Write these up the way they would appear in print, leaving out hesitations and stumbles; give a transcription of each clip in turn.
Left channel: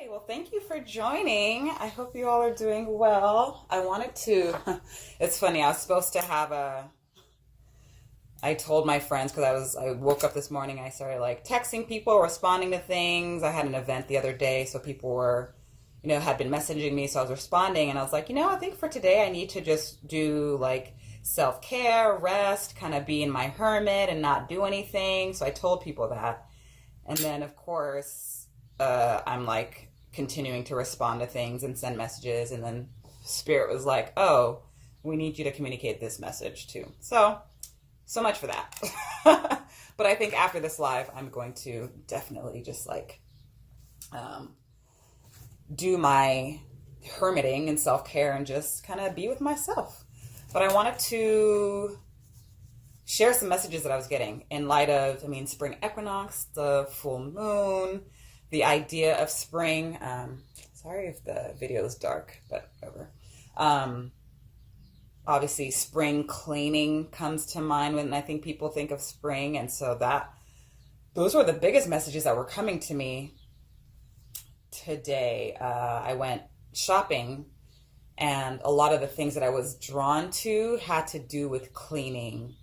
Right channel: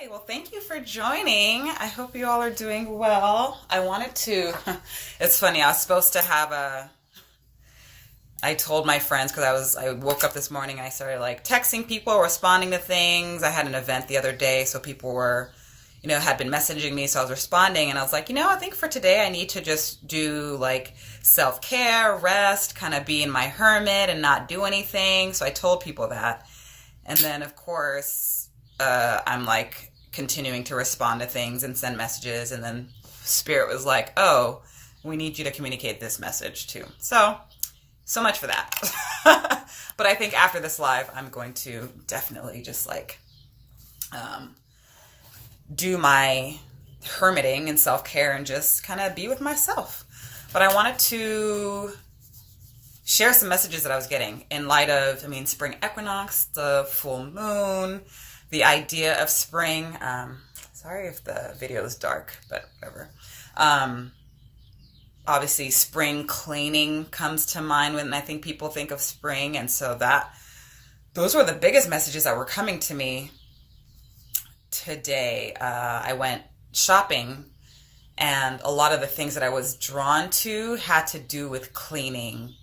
Hey, well, thank you for joining. I hope you all are doing well. I wanted to, it's funny, I was supposed to have I told my friends because I woke up this morning, I started like texting people, responding to things. I had an event the other day, so people were, had been messaging me, so I was responding, and I was like, I think for today I need to just do like self-care, rest, kind of be in my hermit and not do anything. So I told people that. And then, of course, I'm like continuing to respond to things and send messages. And then Spirit was like, oh, we need you to communicate this message too. So much for that. But I think after this live, I'm going to definitely just like do my hermiting and self care and just kind of be with myself. But I wanted to share some messages that I was getting in light of, spring equinox, the full moon, the idea of spring. Sorry if the video is dark, but whatever. Obviously, spring cleaning comes to mind when I think people think of spring. And so those were the biggest messages that were coming to me today. I went shopping, and a lot of the things that I was drawn to had to do with cleaning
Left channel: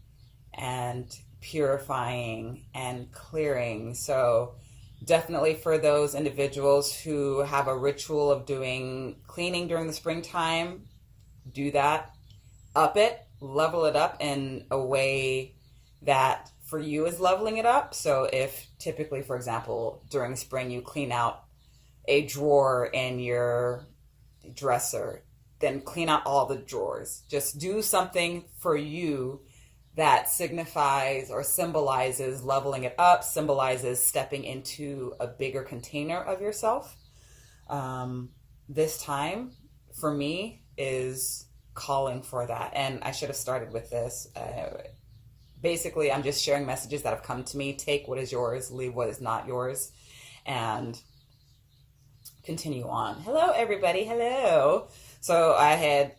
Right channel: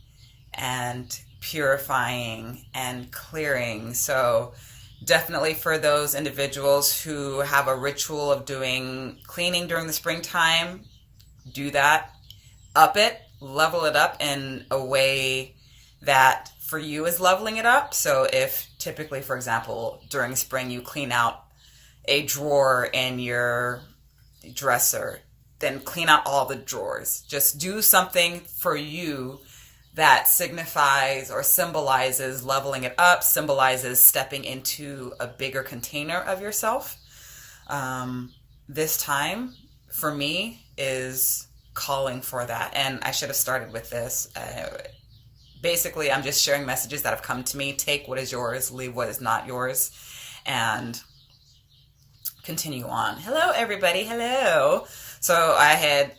and purifying and clearing. So definitely for those individuals who have a ritual of doing cleaning during the springtime, do that. Up it, level it up in a way that for you is leveling it up. So if typically, for example, during spring you clean out a drawer in your dresser, then clean out all the drawers. Just do something for you that signifies or symbolizes leveling it up, symbolizes stepping into a bigger container of yourself. This time, for me, is calling for that. And I should have started with this. Basically, I'm just sharing messages that have come to me. Take what is yours, leave what is not yours, and continue on. Hello, everybody. Hello. So I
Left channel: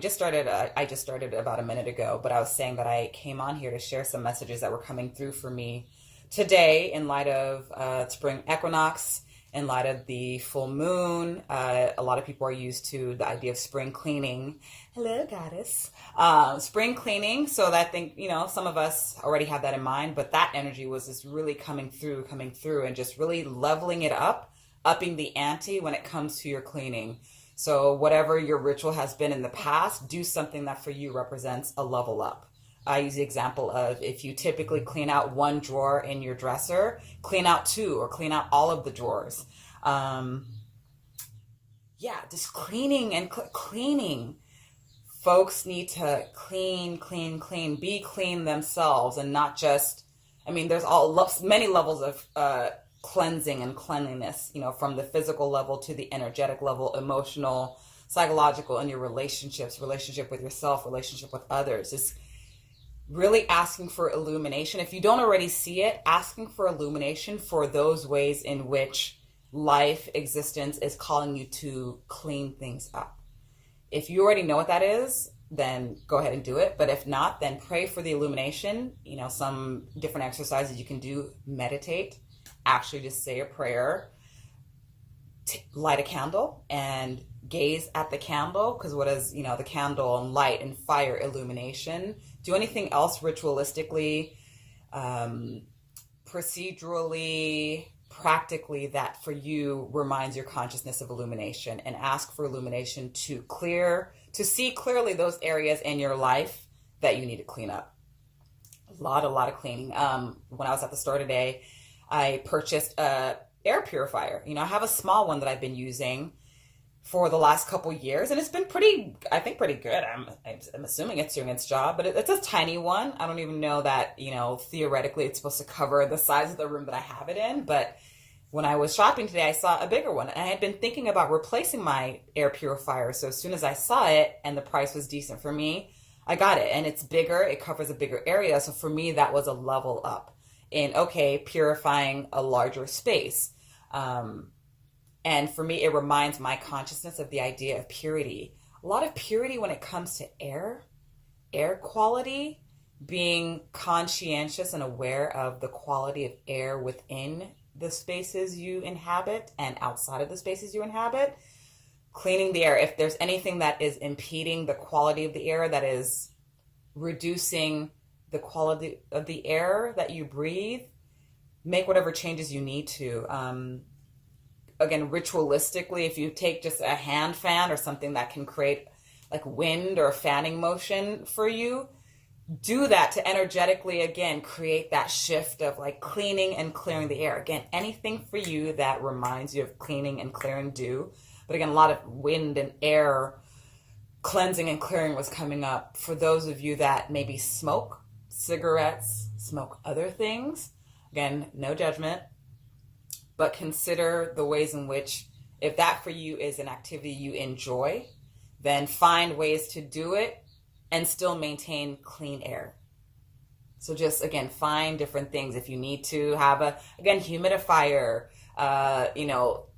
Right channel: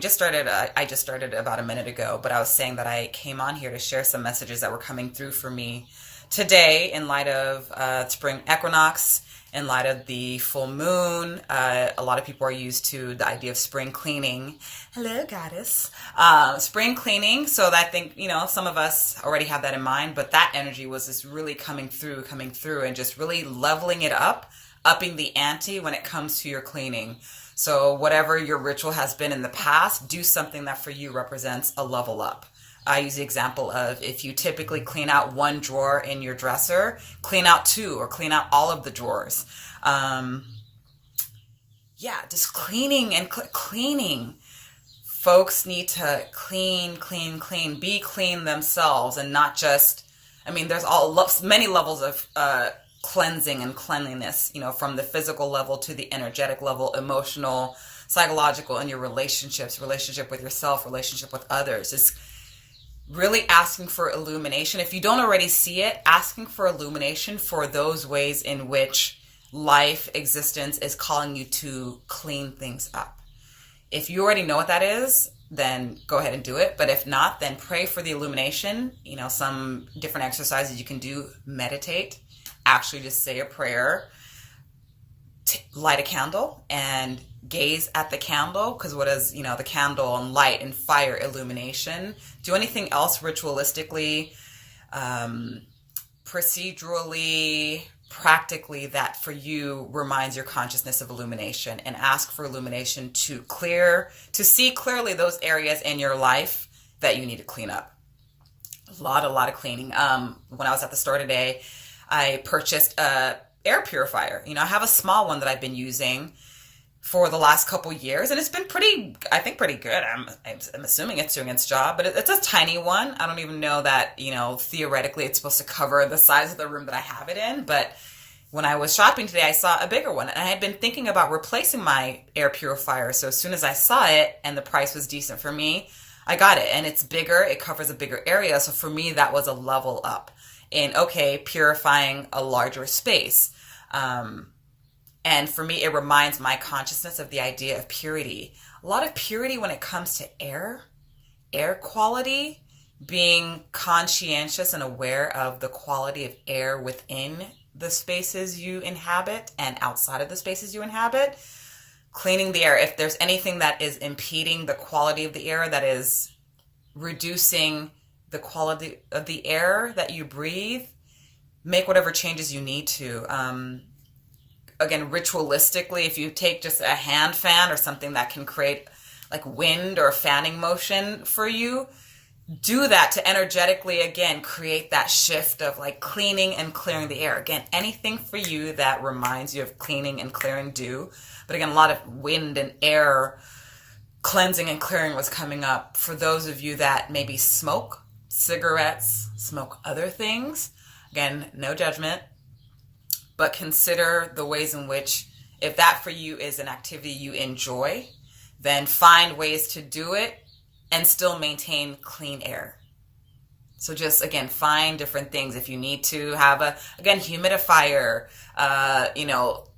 just started about a minute ago, but I was saying that I came on here to share some messages that were coming through for me today in light of spring equinox, in light of the full moon. A lot of people are used to the idea of spring cleaning. Hello, goddess. Spring cleaning. So I think, some of us already have that in mind, but that energy was just really coming through and just really leveling it up, upping the ante when it comes to your cleaning. So whatever your ritual has been in the past, do something that for you represents a level up. I use the example of if you typically clean out one drawer in your dresser, clean out two or clean out all of the drawers. Just cleaning and cleaning. Folks need to clean, be clean themselves and not just, there's many levels of cleansing and cleanliness, from the physical level to the energetic level, emotional, psychological, and your relationship with yourself, relationship with others. Is really asking for illumination. If you don't already see it, asking for illumination for those ways in which life existence is calling you to clean things up. If you already know what that is, then go ahead and do it. But if not, then pray for the illumination. Some different exercises you can do. Meditate. Actually just say a prayer. Light a candle and gaze at the candle, because what is, the candle and light and fire, illumination. Do anything else ritualistically, procedurally, practically that for you reminds your consciousness of illumination, and ask for illumination to see clearly those areas in your life that you need to clean up. A lot of cleaning. When I was at the store today, I purchased a air purifier. I have a small one that I've been using for the last couple years, and it's been pretty good. I'm assuming it's doing its job, but it's a tiny one. I don't even know that, theoretically it's supposed to cover the size of the room that I have it in. But when I was shopping today, I saw a bigger one, and I had been thinking about replacing my air purifier. So as soon as I saw it and the price was decent for me, I got it, and it's bigger. It covers a bigger area. So for me, that was a level up in, purifying a larger space. And for me, it reminds my consciousness of the idea of purity. A lot of purity when it comes to air quality, being conscientious and aware of the quality of air within the spaces you inhabit and outside of the spaces you inhabit. Cleaning the air. If there's anything that is impeding the quality of the air, that is reducing the quality of the air that you breathe, make whatever changes you need to. Again, ritualistically, if you take just a hand fan or something that can create like wind or fanning motion for you, do that to energetically, again, create that shift of like cleaning and clearing the air. Again, anything for you that reminds you of cleaning and clearing, do. But again, a lot of wind and air cleansing and clearing was coming up. For those of you that maybe smoke cigarettes, smoke other things, again, no judgment, but consider the ways in which, if that for you is an activity you enjoy, then find ways to do it and still maintain clean air. So just, again, find different things. If you need to have humidifier,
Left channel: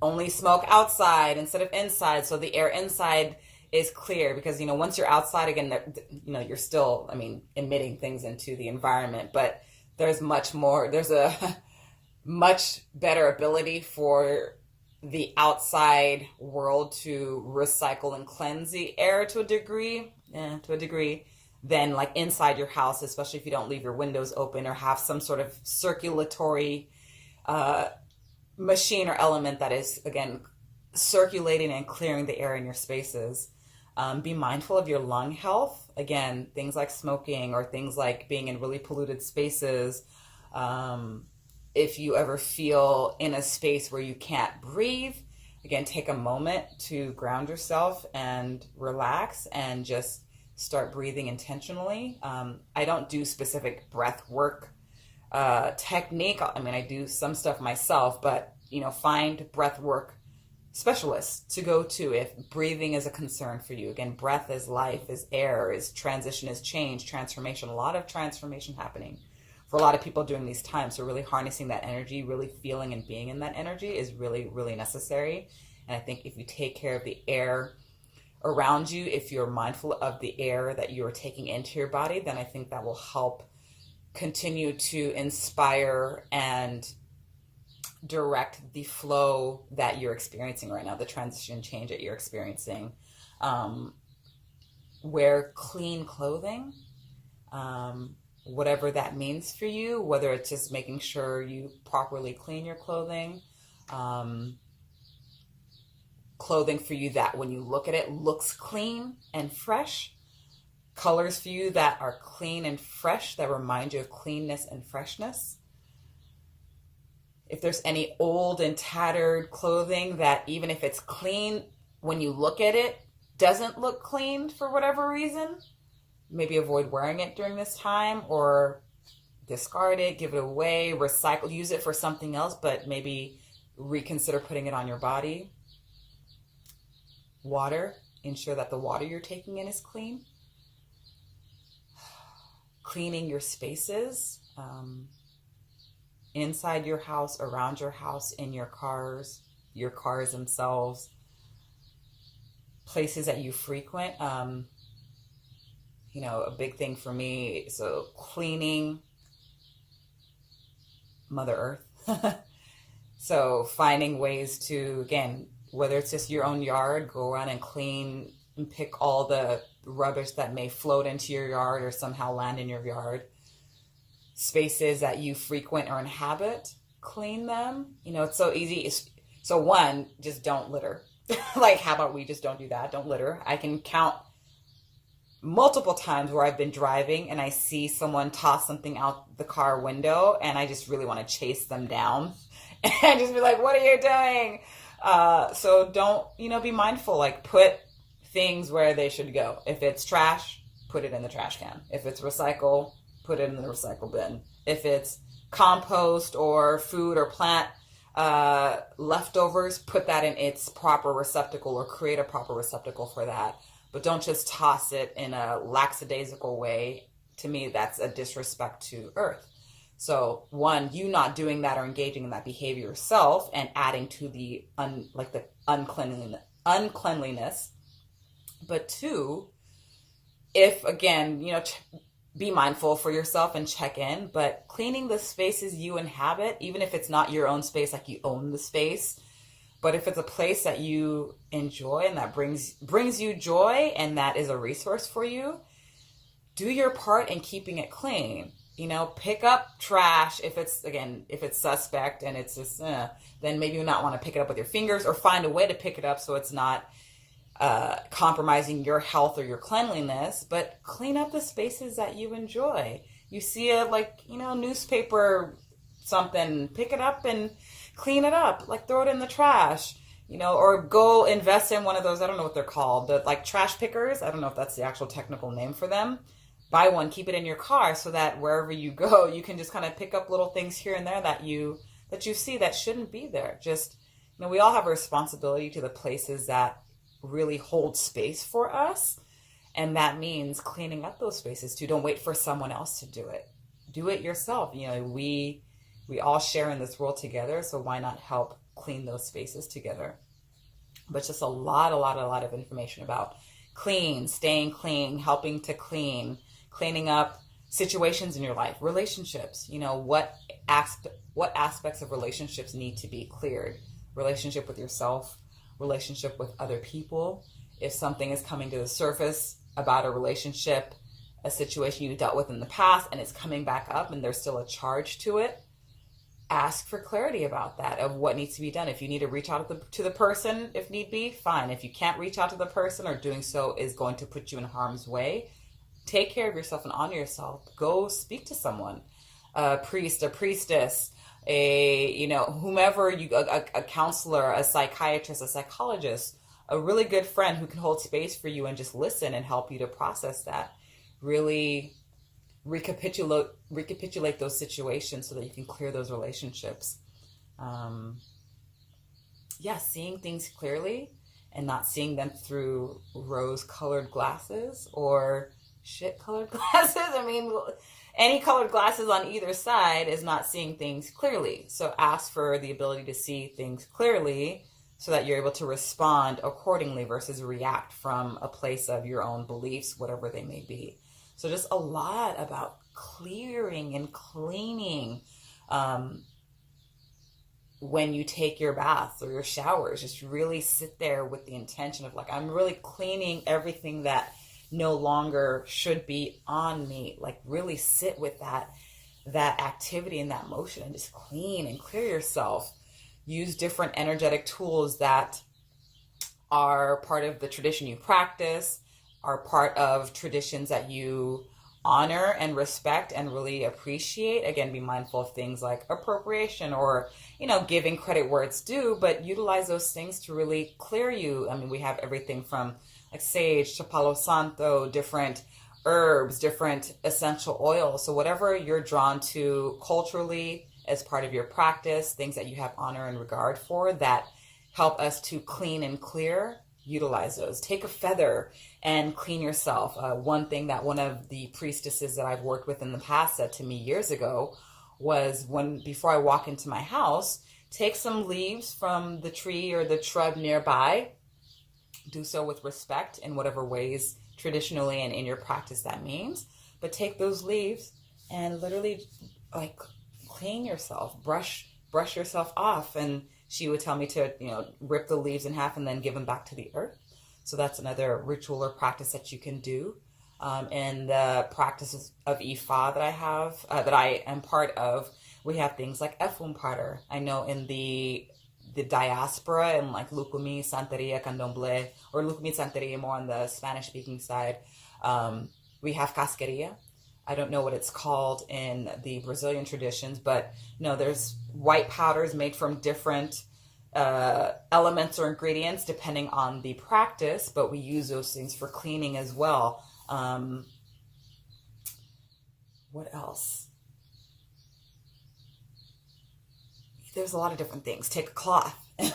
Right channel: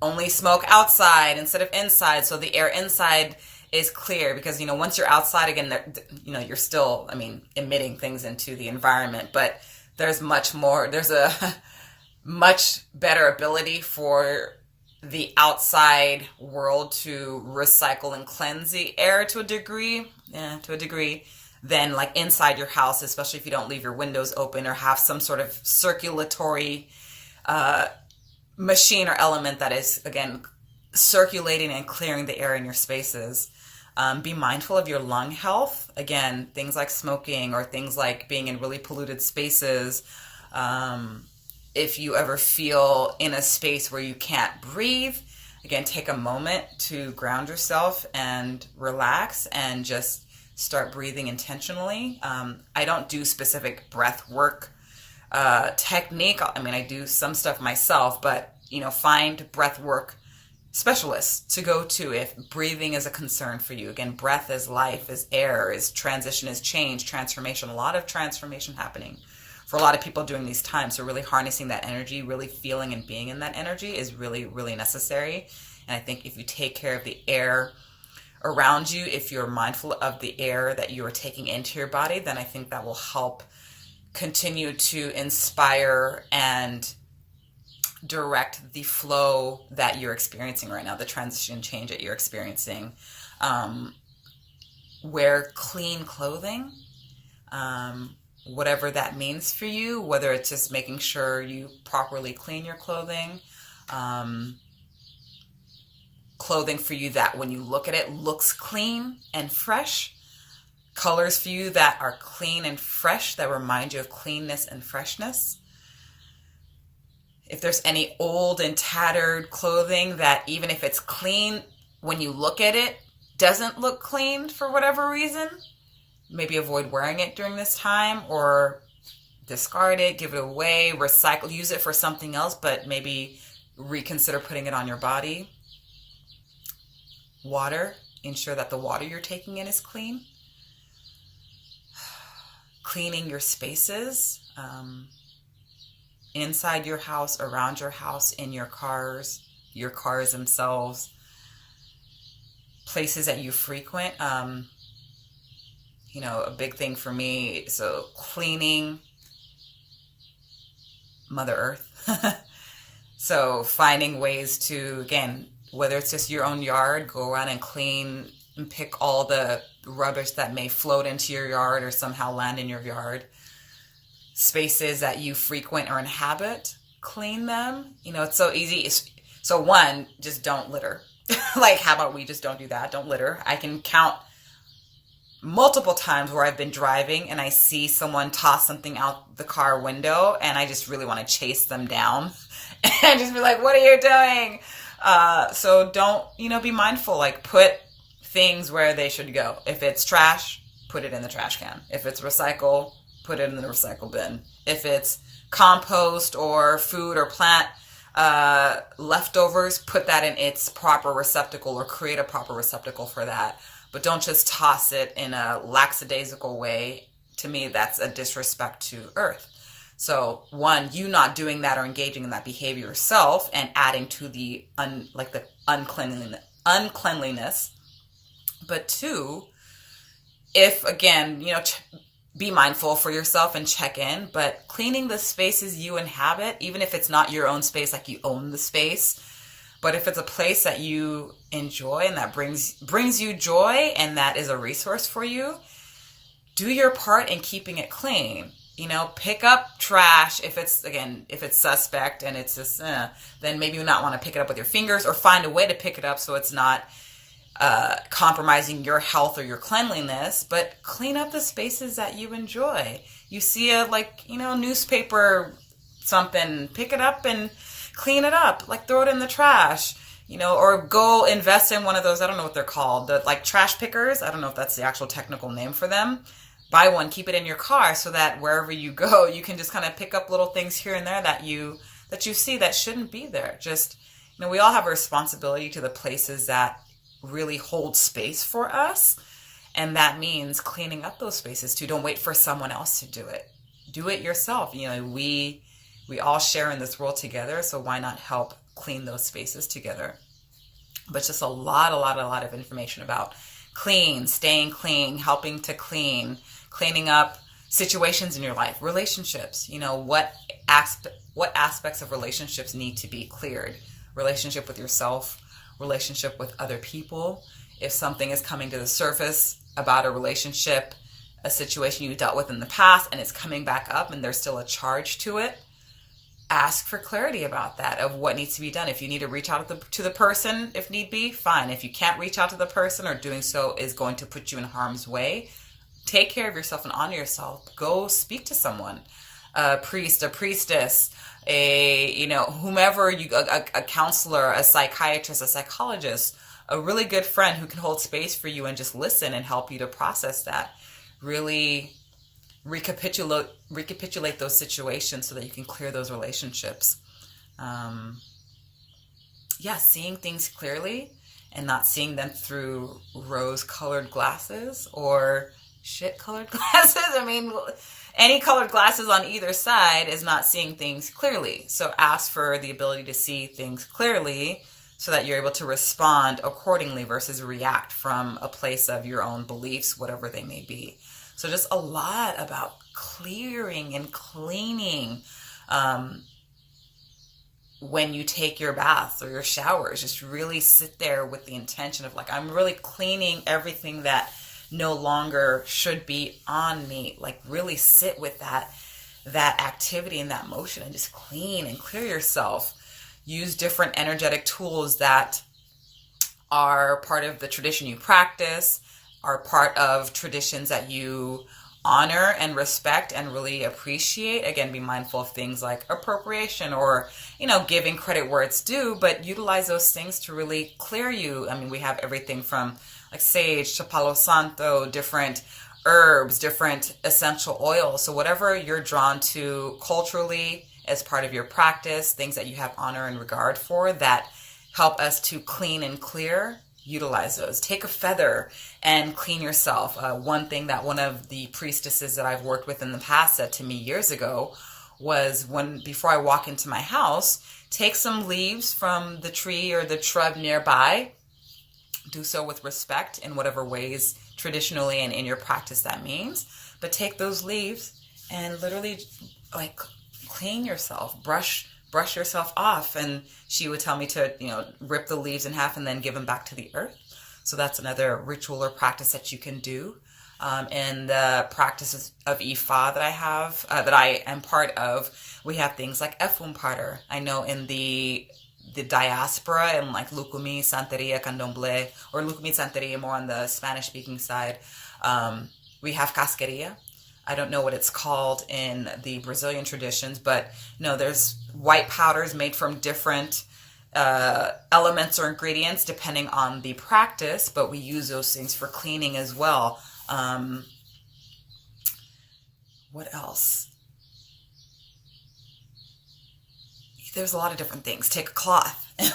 only smoke outside instead of inside, so the air inside is clear, because, once you're outside, again, you're still, emitting things into the environment, but there's a much better ability for the outside world to recycle and cleanse the air to a degree, than like inside your house, especially if you don't leave your windows open or have some sort of circulatory machine or element that is, again, circulating and clearing the air in your spaces. Be mindful of your lung health. Again, things like smoking or things like being in really polluted spaces. If you ever feel in a space where you can't breathe, again, take a moment to ground yourself and relax and just start breathing intentionally. I don't do specific breath work technique. I do some stuff myself, but, find breath work specialists to go to if breathing is a concern for you. Again, breath is life, is air, is transition, is change, transformation. A lot of transformation happening for a lot of people during these times. So really harnessing that energy, really feeling and being in that energy is really, really necessary. And I think if you take care of the air around you, if you're mindful of the air that you are taking into your body, then I think that will help continue to inspire and direct the flow that you're experiencing right now, the transition change that you're experiencing. Wear clean clothing, whatever that means for you, whether it's just making sure you properly clean your clothing, clothing for you that when you look at it looks clean and fresh, colors for you that are clean and fresh, that remind you of cleanness and freshness. If there's any old and tattered clothing that, even if it's clean, when you look at it, doesn't look clean for whatever reason, maybe avoid wearing it during this time, or discard it, give it away, recycle, use it for something else, but maybe reconsider putting it on your body. Water, ensure that the water you're taking in is clean. Cleaning your spaces, inside your house, around your house, in your cars themselves, places that you frequent. A big thing for me, so cleaning Mother Earth. So finding ways to, again, whether it's just your own yard, go around and clean and pick all the rubbish that may float into your yard or somehow land in your yard. Spaces that you frequent or inhabit, clean them. It's so easy. So one, just don't litter. Like, how about we just don't do that? Don't litter. I can count multiple times where I've been driving and I see someone toss something out the car window and I just really want to chase them down and just be like, what are you doing? So don't, be mindful, like put things where they should go. If it's trash, put it in the trash can. If it's recycle, put it in the recycle bin. If it's compost or food or plant leftovers, put that in its proper receptacle or create a proper receptacle for that. But don't just toss it in a lackadaisical way. To me, that's a disrespect to Earth. So one, you not doing that or engaging in that behavior yourself and adding to the uncleanliness. But two, if again, be mindful for yourself and check in, but cleaning the spaces you inhabit, even if it's not your own space, like you own the space, but if it's a place that you enjoy and that brings you joy and that is a resource for you, do your part in keeping it clean. Pick up trash if it's suspect and it's just, then maybe you not want to pick it up with your fingers, or find a way to pick it up so it's not compromising your health or your cleanliness, but clean up the spaces that you enjoy. You see a newspaper, something, pick it up and clean it up, like throw it in the trash, or go invest in one of those, I don't know what they're called, the like trash pickers. I don't know if that's the actual technical name for them. Buy one, keep it in your car so that wherever you go, you can just kind of pick up little things here and there that you see that shouldn't be there. Just, we all have a responsibility to the places that really hold space for us. And that means cleaning up those spaces too. Don't wait for someone else to do it. Do it yourself. We all share in this world together. So why not help clean those spaces together? But just a lot of information about clean, staying clean, helping to cleaning up situations in your life, relationships. What aspects of relationships need to be cleared? Relationship with yourself, relationship with other people. If something is coming to the surface about a relationship, a situation you dealt with in the past, and it's coming back up and there's still a charge to it, ask for clarity about that, of what needs to be done. If you need to reach out to the person, if need be, fine. If you can't reach out to the person, or doing so is going to put you in harm's way, take care of yourself and honor yourself. Go speak to someone, a priest, a priestess, whomever a counselor, a psychiatrist, a psychologist, a really good friend who can hold space for you and just listen and help you to process that. Really recapitulate those situations so that you can clear those relationships. Seeing things clearly and not seeing them through rose-colored glasses or shit-colored glasses. Any colored glasses on either side is not seeing things clearly. So ask for the ability to see things clearly so that you're able to respond accordingly versus react from a place of your own beliefs, whatever they may be. So just a lot about clearing and cleaning when you take your baths or your showers. Just really sit there with the intention of I'm really cleaning everything that no longer should be on me. Really sit with that activity and that motion and just clean and clear yourself. Use different energetic tools that are part of the tradition you practice, are part of traditions that you honor and respect and really appreciate. Again, be mindful of things like appropriation or, giving credit where it's due, but utilize those things to really clear you. We have everything from sage to Palo Santo, different herbs, different essential oils. So whatever you're drawn to culturally as part of your practice, things that you have honor and regard for that help us to clean and clear, utilize those. Take a feather and clean yourself. One thing that one of the priestesses that I've worked with in the past said to me years ago was, before I walk into my house, take some leaves from the tree or the shrub nearby. Do so with respect in whatever ways traditionally and in your practice that means. But take those leaves and literally clean yourself, brush yourself off. And she would tell me to, rip the leaves in half and then give them back to the earth. So that's another ritual or practice that you can do. In the practices of Ifa that I have, that I am part of, we have things like Efumpater. I know in the diaspora and Lukumi, Santeria, Candomblé, or Lukumi, Santeria more on the Spanish-speaking side, we have Casqueria. I don't know what it's called in the Brazilian traditions, but there's white powders made from different elements or ingredients depending on the practice, but we use those things for cleaning as well. What else? There's a lot of different things. Take a cloth and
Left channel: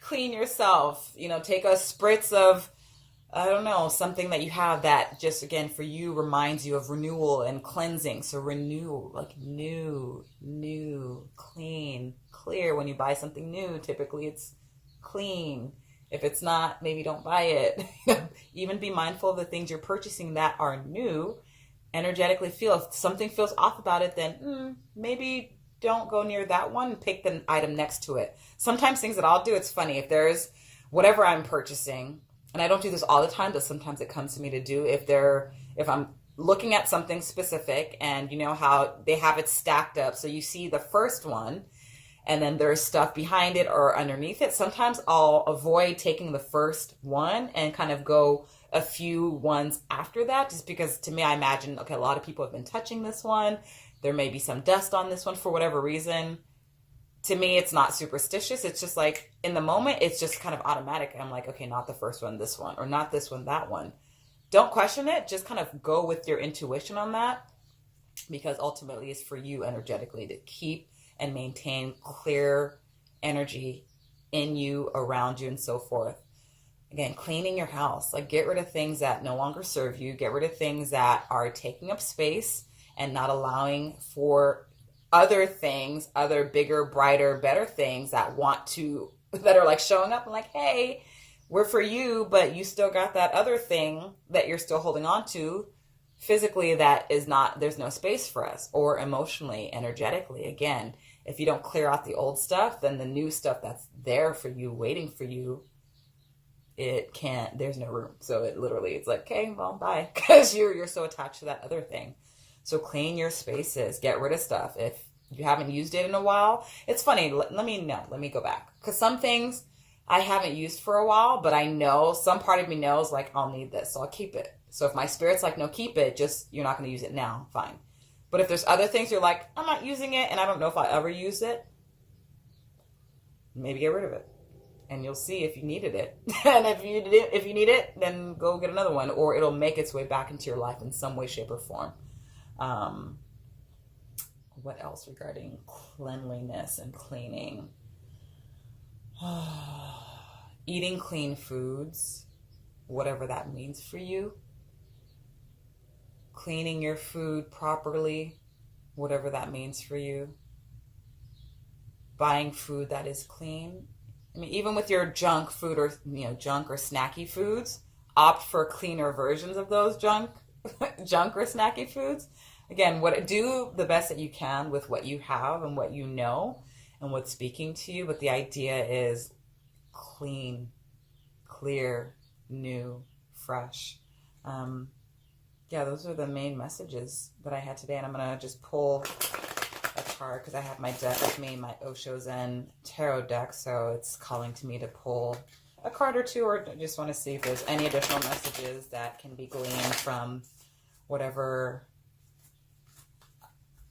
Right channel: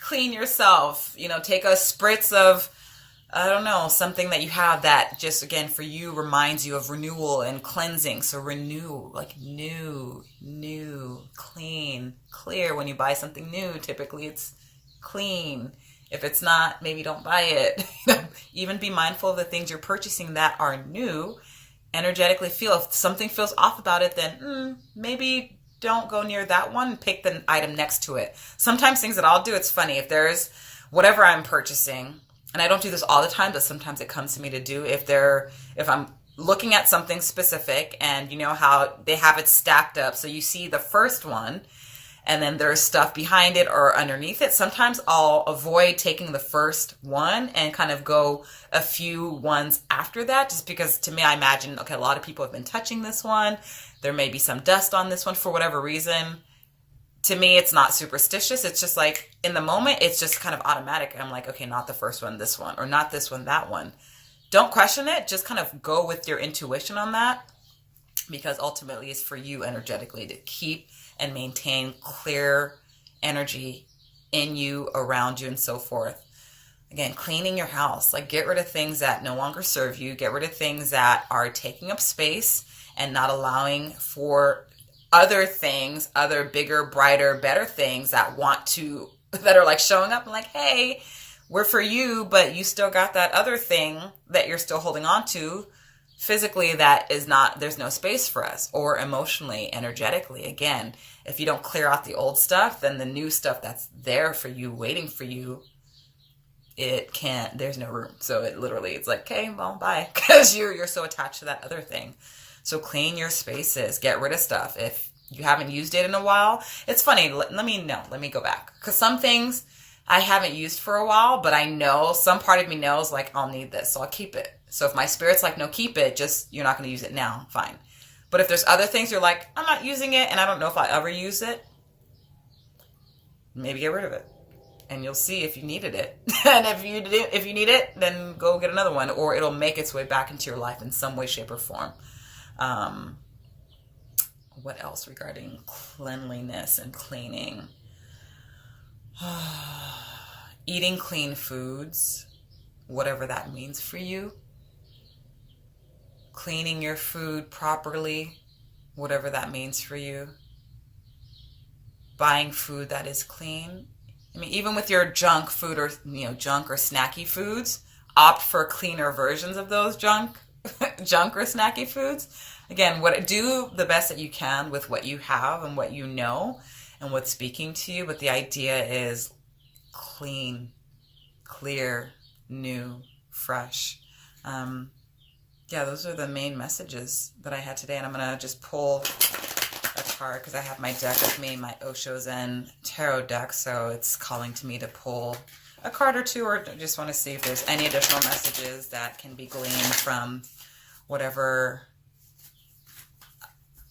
clean yourself. Take a spritz of, I don't know, something that you have that just, again, for you reminds you of renewal and cleansing. So renew, new, clean, clear. When you buy something new, typically it's clean. If it's not, maybe don't buy it. Even be mindful of the things you're purchasing that are new. energetically feel. If something feels off about it, then maybe don't go near that one. Pick the item next to it. Sometimes things that I'll do, it's funny. If there's whatever I'm purchasing, and I don't do this all the time, but sometimes it comes to me to do. If I'm looking at something specific, and you know how they have it stacked up, so you see the first one, and then there's stuff behind it or underneath it. Sometimes I'll avoid taking the first one and kind of go a few ones after that, just because to me, I imagine, okay, a lot of people have been touching this one. There may be some dust on this one for whatever reason. To me, it's not superstitious. It's just like in the moment, it's just kind of automatic. I'm like, okay, not the first one, this one, or not this one, that one. Don't question it. Just kind of go with your intuition on that, because ultimately it's for you energetically to keep and maintain clear energy in you, around you, and so forth. Again, cleaning your house, like get rid of things that no longer serve you, get rid of things that are taking up space and not allowing for other things, other bigger, brighter, better things that are like showing up and like, hey, we're for you, but you still got that other thing that you're still holding on to physically that is not, there's no space for us, or emotionally, energetically. Again, if you don't clear out the old stuff, then the new stuff that's there for you, waiting for you, there's no room. So it's like, okay, well, bye. Because you're so attached to that other thing. So clean your spaces, get rid of stuff. If you haven't used it in a while, it's funny. Let me go back. Because some things I haven't used for a while, but I know some part of me knows like, I'll need this, so I'll keep it. So if my spirit's like, no, keep it, just, you're not going to use it now, fine. But if there's other things you're like, I'm not using it, and I don't know if I'll ever use it, maybe get rid of it. And you'll see if you needed it. And if you need it, then go get another one, or it'll make its way back into your life in some way, shape, or form. What else regarding cleanliness and cleaning? Eating clean foods, whatever that means for you. Cleaning your food properly, whatever that means for you. Buying food that is clean. I mean, even with your junk food, or junk or snacky foods, opt for cleaner versions of those junk or snacky foods. Again, do the best that you can with what you have and what you know and what's speaking to you. But the idea is clean, clear, new, fresh. Those are the main messages that I had today. And I'm going to just pull a card because I have my deck with me, my Osho Zen Tarot deck. So it's calling to me to pull a card or two, or just want to see if there's any additional messages that can be gleaned from whatever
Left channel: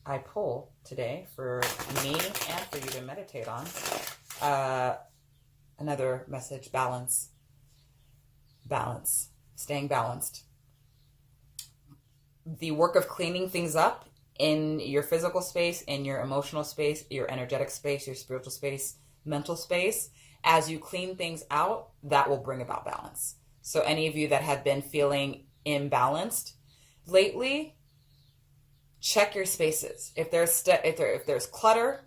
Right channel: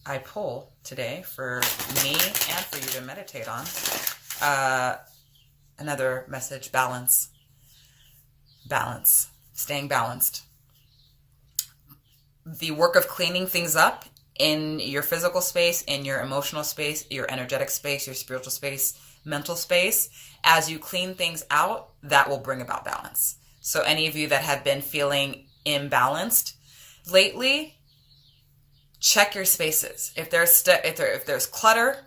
I pull today for me and for you to meditate on. Another message, balance. Balance. Staying balanced. The work of cleaning things up in your physical space, in your emotional space, your energetic space, your spiritual space, mental space. As you clean things out, that will bring about balance. So any of you that have been feeling imbalanced lately, check your spaces. If there's clutter,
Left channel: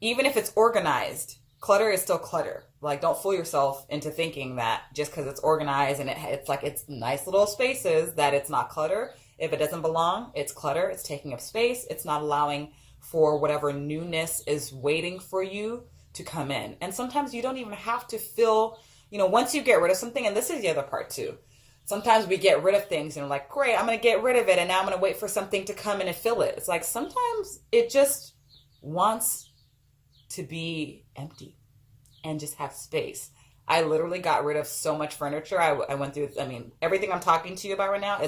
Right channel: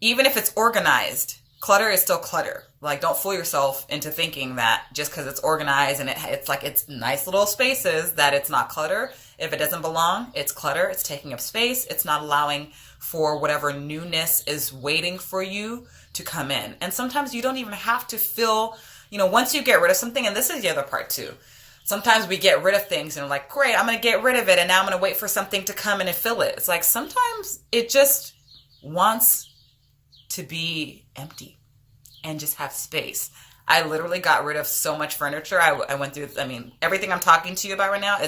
even if it's organized, clutter is still clutter. Like, don't fool yourself into thinking that just because it's organized and it's like it's nice little spaces that it's not clutter. If it doesn't belong, it's clutter. It's taking up space. It's not allowing for whatever newness is waiting for you to come in. And sometimes you don't even have to feel, once you get rid of something, and this is the other part too. Sometimes we get rid of things and we're like, great, I'm going to get rid of it. And now I'm going to wait for something to come in and fill it. It's like sometimes it just wants to be empty and just have space. I literally got rid of so much furniture. I went through, everything I'm talking to you about right now,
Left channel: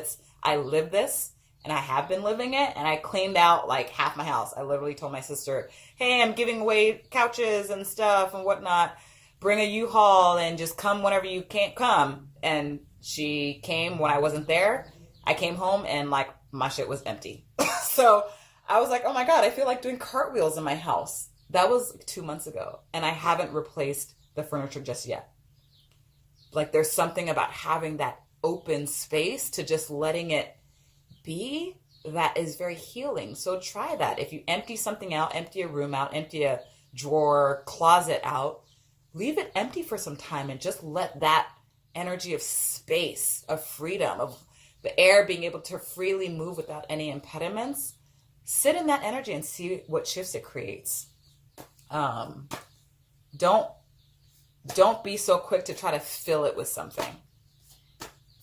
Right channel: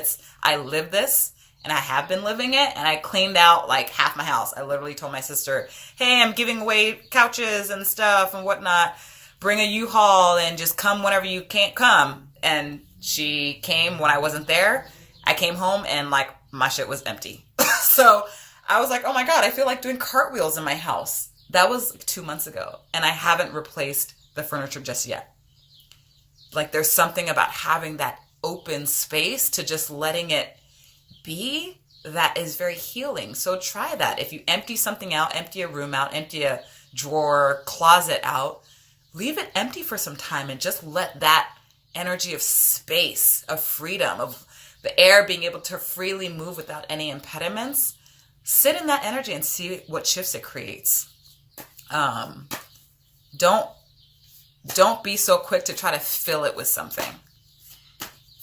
I live this and I have been living it, and I cleaned out like half my house. I literally told my sister, hey, I'm giving away couches and stuff and whatnot. Bring a U-Haul and just come whenever you can't come. And she came when I wasn't there. I came home and like my shit was empty. So I was like, oh my God, I feel like doing cartwheels in my house. That was 2 months ago. And I haven't replaced the furniture just yet. Like there's something about having that open space to just letting it be that is very healing. So try that. If you empty something out, empty a room out, empty a drawer, closet out, leave it empty for some time and just let that energy of space, of freedom, of the air being able to freely move without any impediments, sit in that energy and see what shifts it creates. Don't be so quick to try to fill it with something.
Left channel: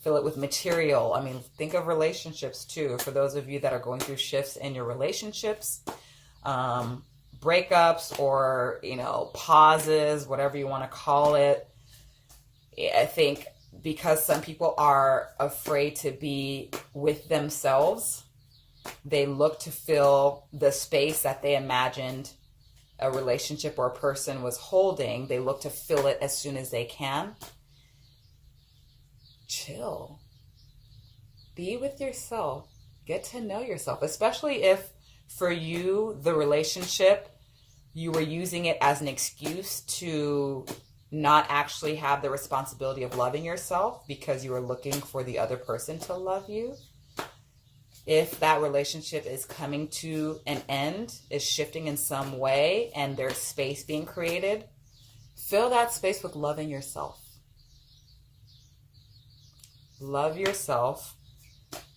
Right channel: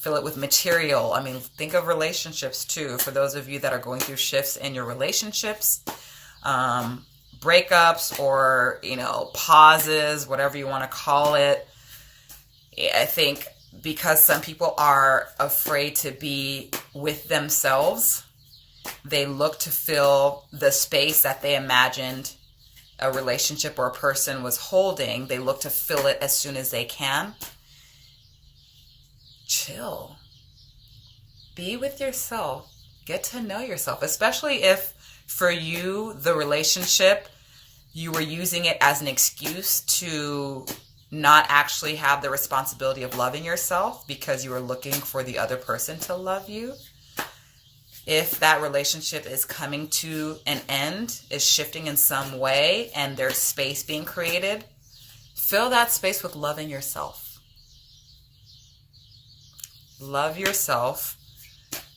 Fill it with material. I mean, think of relationships too. For those of you that are going through shifts in your relationships, breakups or, pauses, whatever you want to call it. I think because some people are afraid to be with themselves, they look to fill the space that they imagined a relationship or a person was holding. They look to fill it as soon as they can. Chill. Be with yourself. Get to know yourself, especially if for you, the relationship, you were using it as an excuse to not actually have the responsibility of loving yourself because you were looking for the other person to love you. If that relationship is coming to an end, is shifting in some way, and there's space being created, fill that space with loving yourself. Love yourself.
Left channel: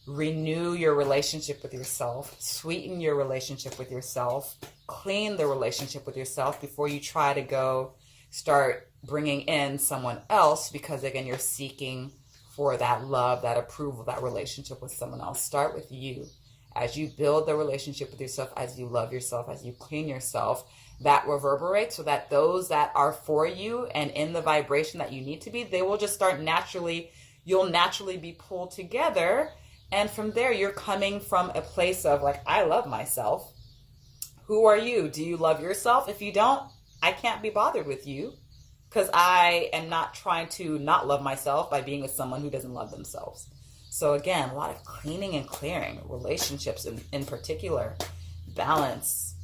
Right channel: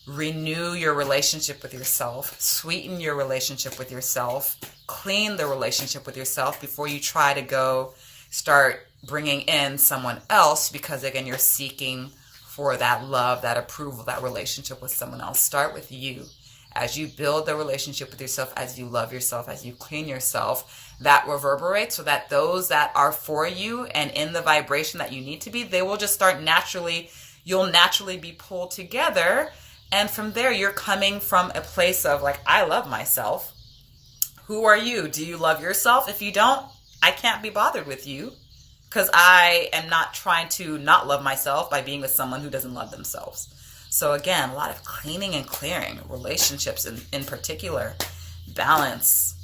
Renew your relationship with yourself. Sweeten your relationship with yourself. Clean the relationship with yourself before you try to go start bringing in someone else, because again, you're seeking for that love, that approval, that relationship with someone else. Start with you. As you build the relationship with yourself, as you love yourself, as you clean yourself, that reverberates so that those that are for you and in the vibration that you need to be, they will just start naturally, you'll naturally be pulled together. And from there, you're coming from a place of like, I love myself. Who are you? Do you love yourself? If you don't, I can't be bothered with you, because I am not trying to not love myself by being with someone who doesn't love themselves. So again, a lot of cleaning and clearing, relationships in particular, balance,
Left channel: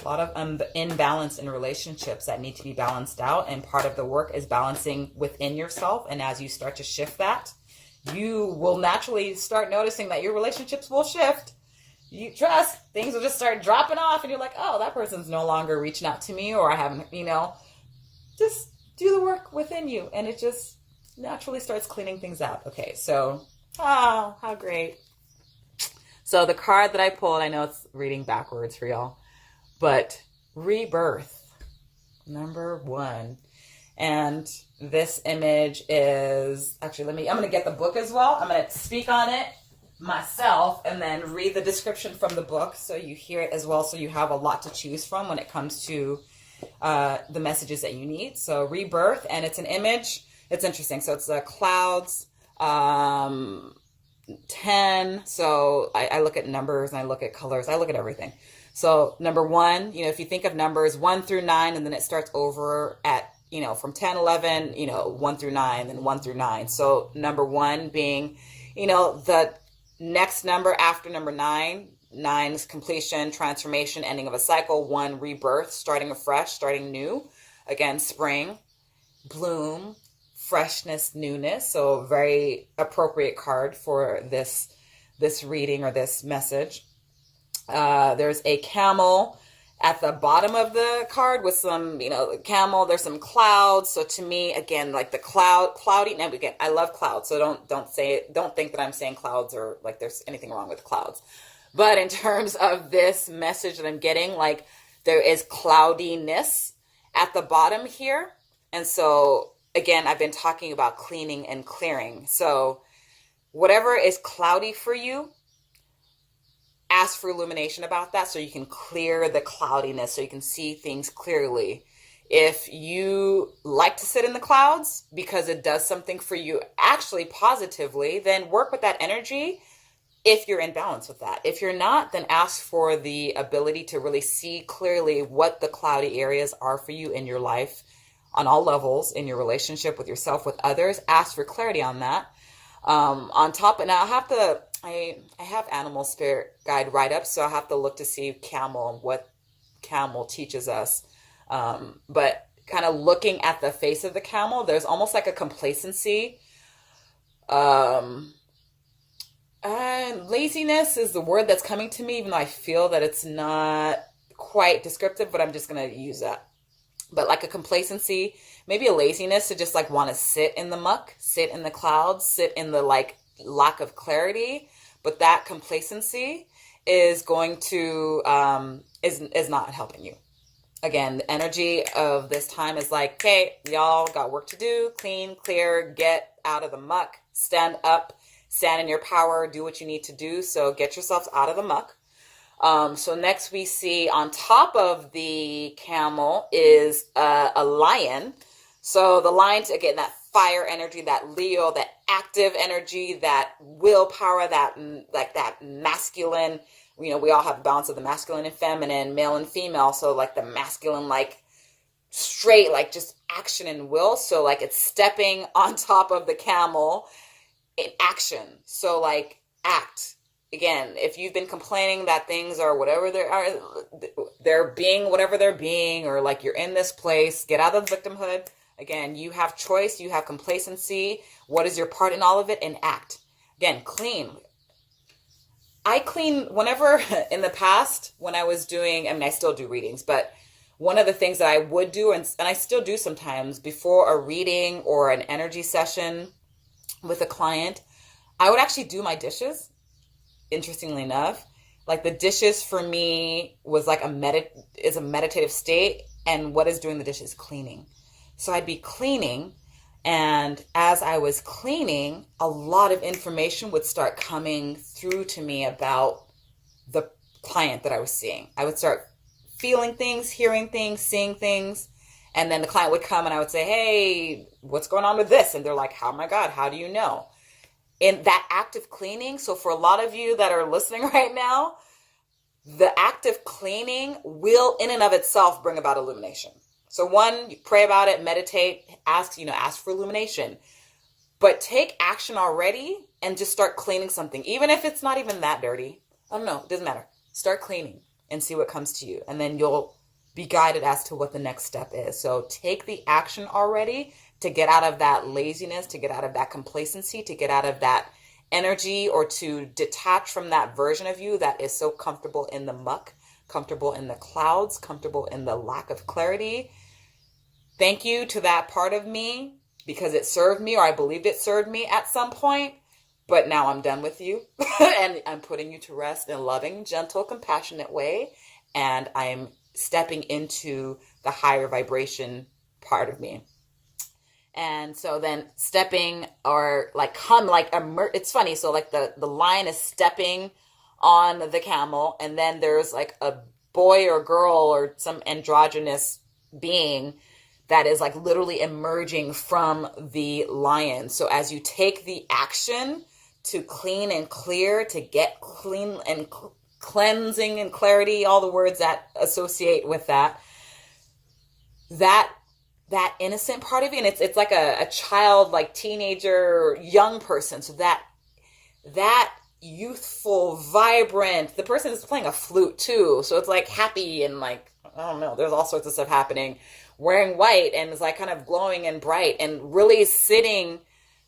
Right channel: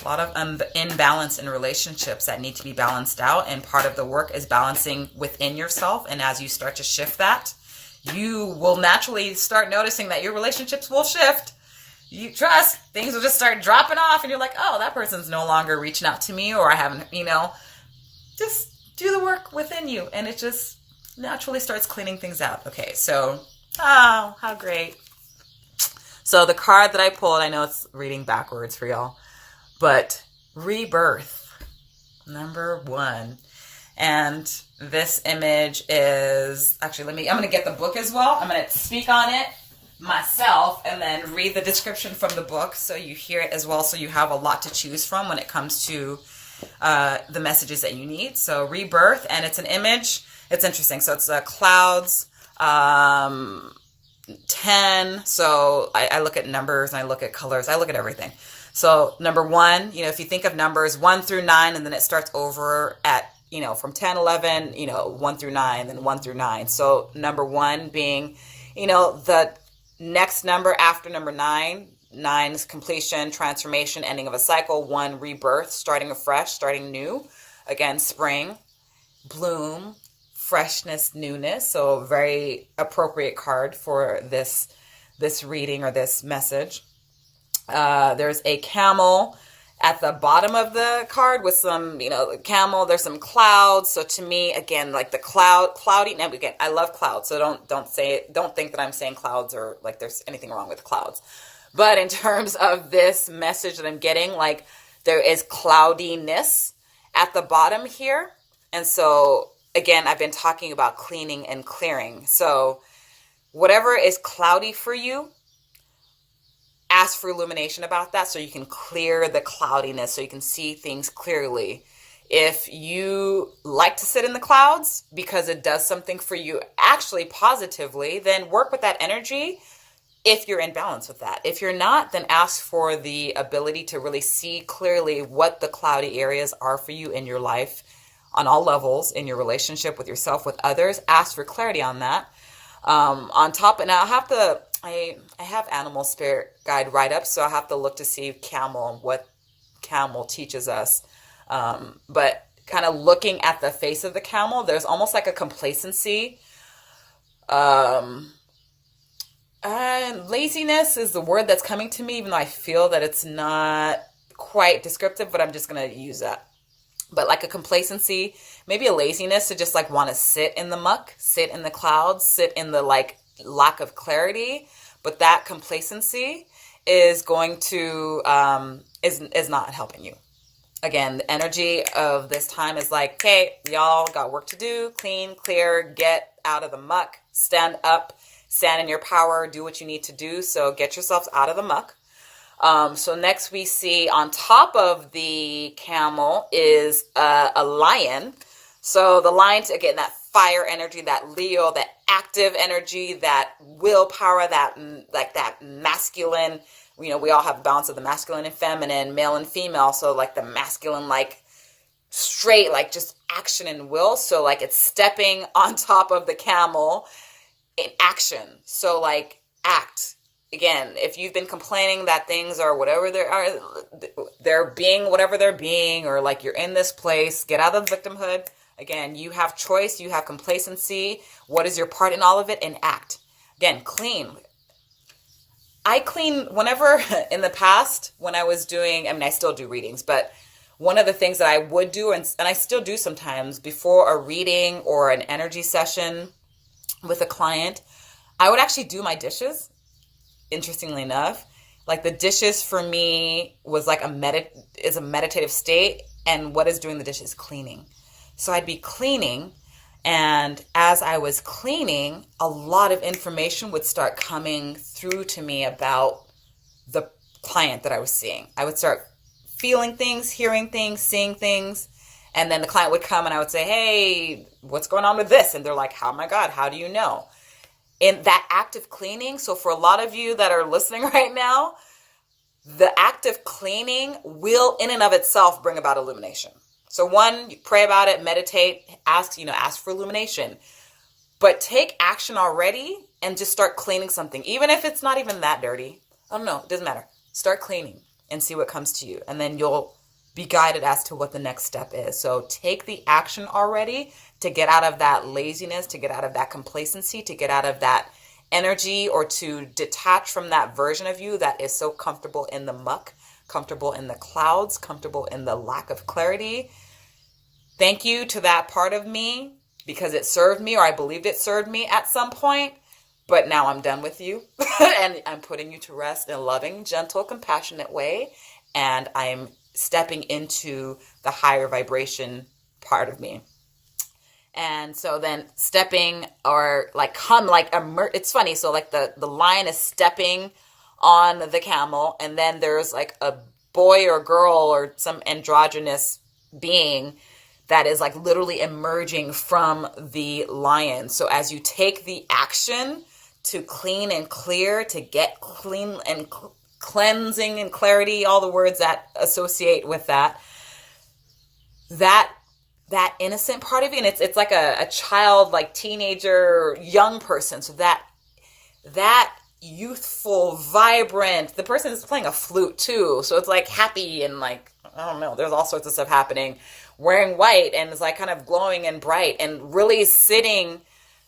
a lot of imbalance in relationships that need to be balanced out. And part of the work is balancing within yourself. And as you start to shift that, you will naturally start noticing that your relationships will shift. You trust, things will just start dropping off and you're like, oh, that person's no longer reaching out to me, or I haven't, just do the work within you, and it just naturally starts cleaning things out. Okay, so, oh, how great. So the card that I pulled, I know it's reading backwards for y'all, but rebirth, number 1. And this image is, actually, I'm going to get the book as well. I'm going to speak on it myself and then read the description from the book so you hear it as well, so you have a lot to choose from when it comes to the messages that you need. So rebirth, and it's an image. It's interesting. So it's clouds, 10. So I look at numbers and I look at colors. I look at everything. So number 1, if you think of numbers 1 through 9, and then it starts over at, from 10, 11, 1 through 9, then 1 through 9. So number 1 being, the next number after number 9. 9 is completion, transformation, ending of a cycle. 1, rebirth, starting afresh, starting new. Again, spring, bloom, freshness, newness. So very appropriate card for this reading or this message. There's a camel at the bottom of the card with some, camel. There's some clouds. So to me, again, like the cloudy. Now again, I love clouds. So don't think that I'm saying clouds or like there's anything wrong with clouds. But in terms of this message that I'm getting, like there is cloudiness at the bottom here. And so again, I've been talking about cleaning and clearing. So whatever is cloudy for you, ask for illumination about that so you can clear the cloudiness, so you can see things clearly. If you like to sit in the clouds because it does something for you actually positively, then work with that energy if you're in balance with that. If you're not, then ask for the ability to really see clearly what the cloudy areas are for you in your life on all levels, in your relationship with yourself, with others. Ask for clarity on that. On top, and I have animal spirit guide write-ups, so I have to look to see camel and what camel teaches us. But kind of looking at the face of the camel, there's almost like a complacency. And laziness is the word that's coming to me, even though I feel that it's not quite descriptive, but I'm just going to use that. But like a complacency, maybe a laziness to just like want to sit in the muck, sit in the clouds, sit in the like lack of clarity, but that complacency is going to is not helping you. Again, the energy of this time is like, okay, y'all got work to do. Clean, clear, get out of the muck, stand up, stand in your power, do what you need to do. So get yourselves out of the muck. So next we see on top of the camel is a lion. So the lion's, again, that fire energy, that Leo, that active energy, that willpower, that like that masculine, you know, we all have a balance of the masculine and feminine, male and female. So like the masculine, like straight, like just action and will. So like it's stepping on top of the camel in action. So like act. Again, if you've been complaining that things are whatever they are, they're being whatever they're being, or like you're in this place, get out of the victimhood. Again, you have choice, you have complacency. What is your part in all of it? And act. Again, clean. I clean whenever in the past when I was doing, I mean, I still do readings, but one of the things that I would do, and I still do sometimes before a reading or an energy session with a client, I would actually do my dishes. Interestingly enough, like the dishes for me was like a meditative state, and what is doing the dishes? Cleaning. So I'd be cleaning, and as I was cleaning, a lot of information would start coming through to me about the client that I was seeing. I would start feeling things, hearing things, seeing things, and then the client would come and I would say, hey, what's going on with this? And they're like, oh my God, how do you know? In that active cleaning, so for a lot of you that are listening right now, the active cleaning will in and of itself bring about illumination. So one, you pray about it, meditate, ask for illumination, but take action already and just start cleaning something. Even if it's not even that dirty, I don't know, it doesn't matter. Start cleaning and see what comes to you. And then you'll be guided as to what the next step is. So take the action already to get out of that laziness, to get out of that complacency, to get out of that energy, or to detach from that version of you that is so comfortable in the muck, comfortable in the clouds, comfortable in the lack of clarity. Thank you to that part of me, because it served me, or I believed it served me at some point, but now I'm done with you and I'm putting you to rest in a loving, gentle, compassionate way, and I'm stepping into the higher vibration part of me. And so then stepping, or like it's funny. So like the lion is stepping on the camel, and then there's like a boy or girl or some androgynous being that is like literally emerging from the lion. So as you take the action to clean and clear, to get clean and cleansing and clarity, all the words that associate with that innocent part of you, and it's like a child, like teenager, young person. So that youthful, vibrant, the person is playing a flute too. So it's like happy and like, I don't know, there's all sorts of stuff happening, wearing white, and it's like kind of glowing and bright, and really sitting,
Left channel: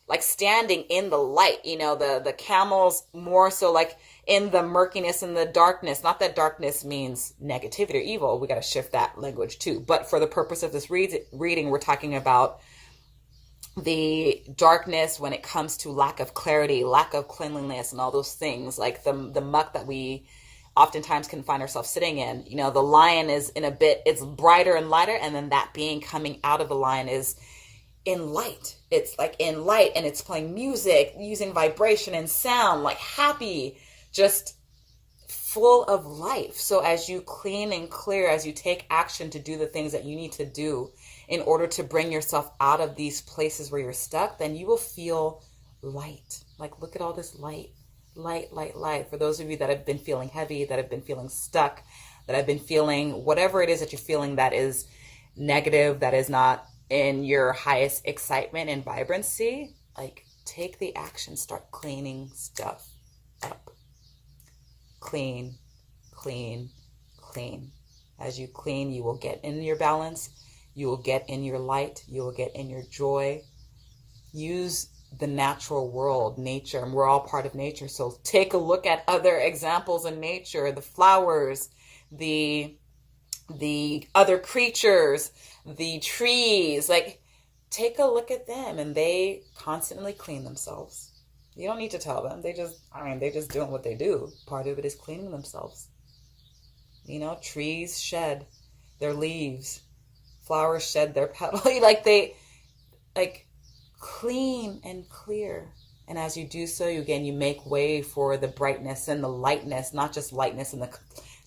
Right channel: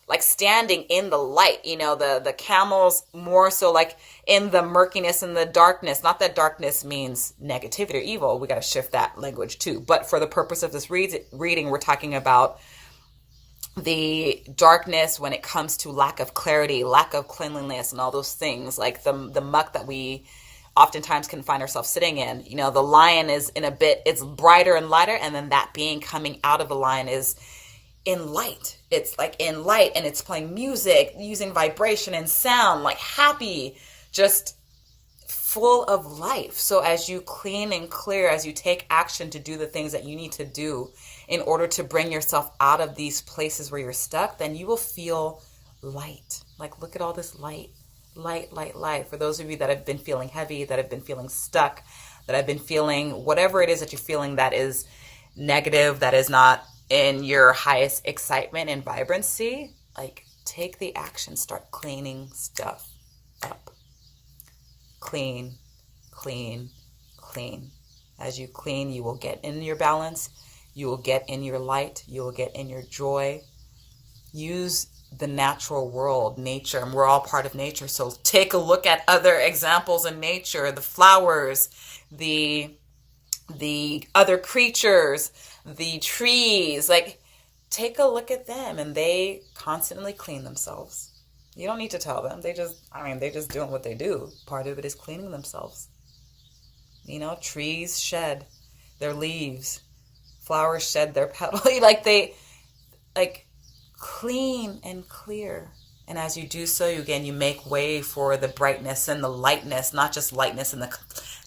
like standing in the light. The camels more so like in the murkiness and the darkness. Not that darkness means negativity or evil. We got to shift that language too. But for the purpose of this reading, we're talking about the darkness when it comes to lack of clarity, lack of cleanliness, and all those things, like the muck that we oftentimes can find ourselves sitting in. The lion is it's brighter and lighter, and then that being coming out of the lion is in light. It's like in light, and it's playing music, using vibration and sound, like happy, just full of life. So as you clean and clear, as you take action to do the things that you need to do in order to bring yourself out of these places where you're stuck, then you will feel light. Like, look at all this light. Light, light, light. For those of you that have been feeling heavy, that have been feeling stuck, that have been feeling whatever it is that you're feeling that is negative, that is not in your highest excitement and vibrancy, like take the action, start cleaning stuff up. Clean, clean, clean. As you clean, you will get in your balance, you will get in your light, you will get in your joy. Use the natural world, nature, and we're all part of nature. So take a look at other examples in nature, the flowers, the other creatures, the trees. Like, take a look at them, and they constantly clean themselves. You don't need to tell them. They're just doing what they do. Part of it is cleaning themselves. You know, trees shed their leaves, flowers shed their petals. Like clean and clear. And as you do so, you make way for the brightness and the lightness, not just lightness in the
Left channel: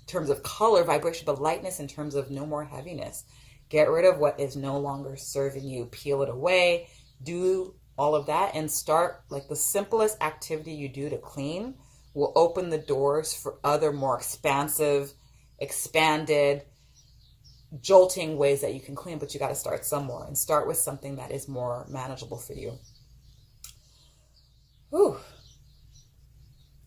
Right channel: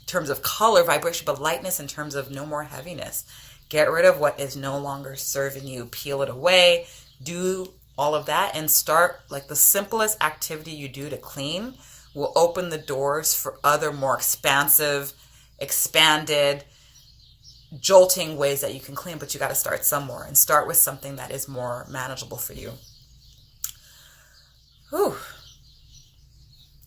terms of color, vibration, but lightness in terms of no more heaviness. Get rid of what is no longer serving you. Peel it away. Do all of that and start, like, the simplest activity you do to clean will open the doors for other more expansive, expanded, jolting ways that you can clean. But you got to start somewhere and start with something that is more manageable for you. Whew.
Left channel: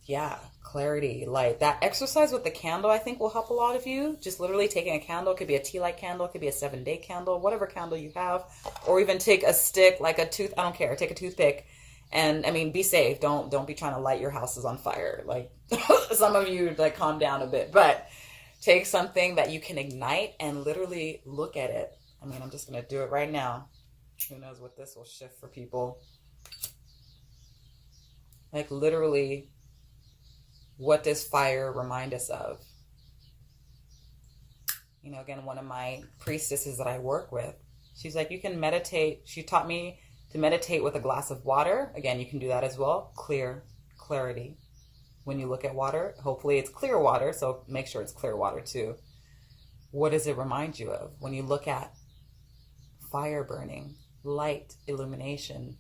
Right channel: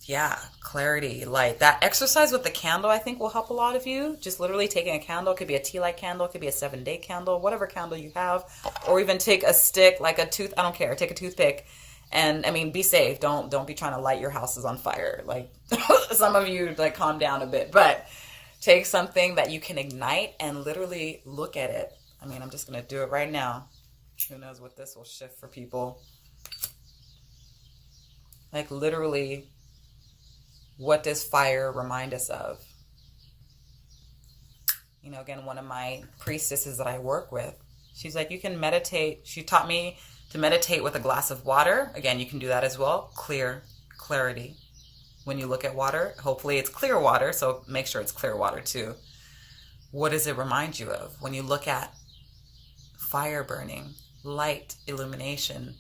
Yeah, clarity, light. That exercise with the candle, I think, will help a lot of you. Just literally taking a candle. It could be a tea light candle. It could be a 7-day candle, whatever candle you have. Or even take a stick, like I don't care. Take a toothpick. And, I mean, be safe. Don't be trying to light your houses on fire. Like, some of you, like, calm down a bit. But take something that you can ignite and literally look at it. I mean, I'm just going to do it right now. Who knows what this will shift for people. Like, literally, what does fire remind us of? You know, again, one of my priestesses that I work with, she's like, you can meditate. She taught me to meditate with a glass of water. Again, you can do that as well. Clarity. When you look at water, hopefully it's clear water, so make sure it's clear water too. What does it remind you of? When you look at fire burning, light, illumination,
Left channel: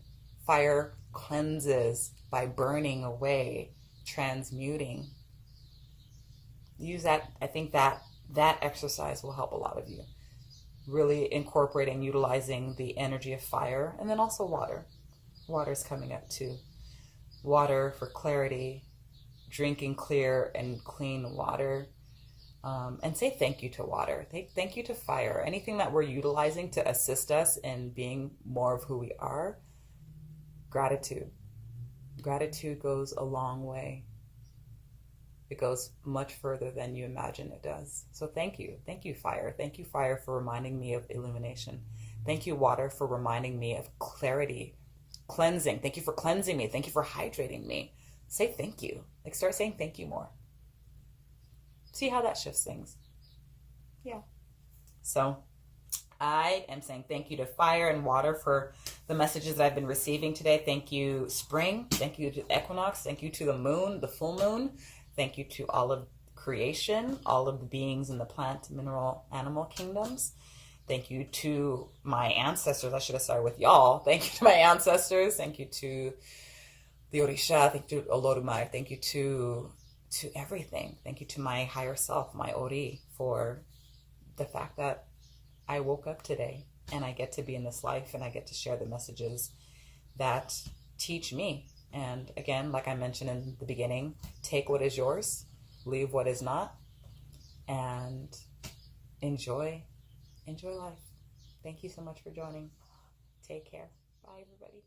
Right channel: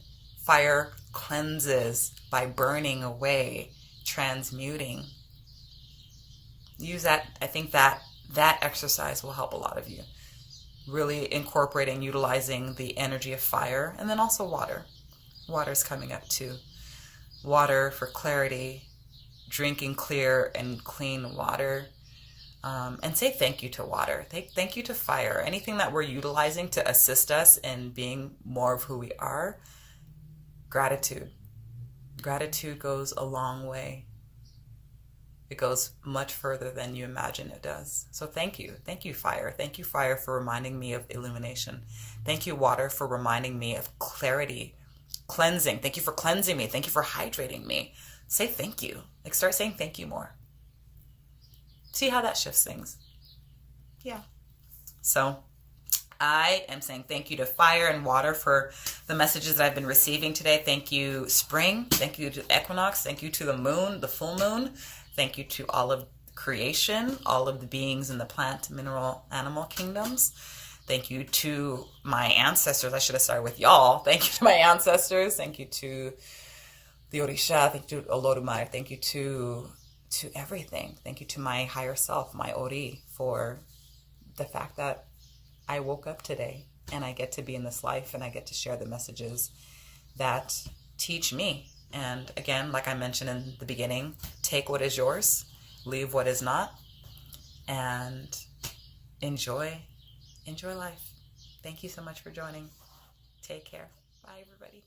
fire cleanses by burning away, transmuting. Use that. I think that exercise will help a lot of you. Really incorporating, utilizing the energy of fire, and then also water. Water's coming up too. Water for clarity, drinking clear and clean water. And say thank you to water. Thank you to fire. Anything that we're utilizing to assist us in being more of who we are. Gratitude. Gratitude goes a long way. It goes much further than you imagine it does. So thank you. Thank you, fire. Thank you, fire, for reminding me of illumination. Thank you, water, for reminding me of clarity, cleansing. Thank you for cleansing me. Thank you for hydrating me. Say thank you. Like, start saying thank you more. See how that shifts things. Yeah. So I am saying thank you to fire and water for the messages that I've been receiving today. Thank you, spring. Thank you to Equinox. Thank you to the moon, the full moon. Thank you to all of creation, all of the beings in the plant, mineral, animal kingdoms. Thank you to my ancestors. I should have started with y'all. Thank you to my ancestors. Thank you to the Orisha. Thank you to Olodumare. Thank you to everything. Thank you to my higher self, my Ori, for the fact that I woke up today and I get to be in this life and I get to share the messages that teach me. And again, like I mentioned in the beginning, take what is yours, leave what is not, and enjoy life. Thank you so much for joining. Take care. Bye, everybody.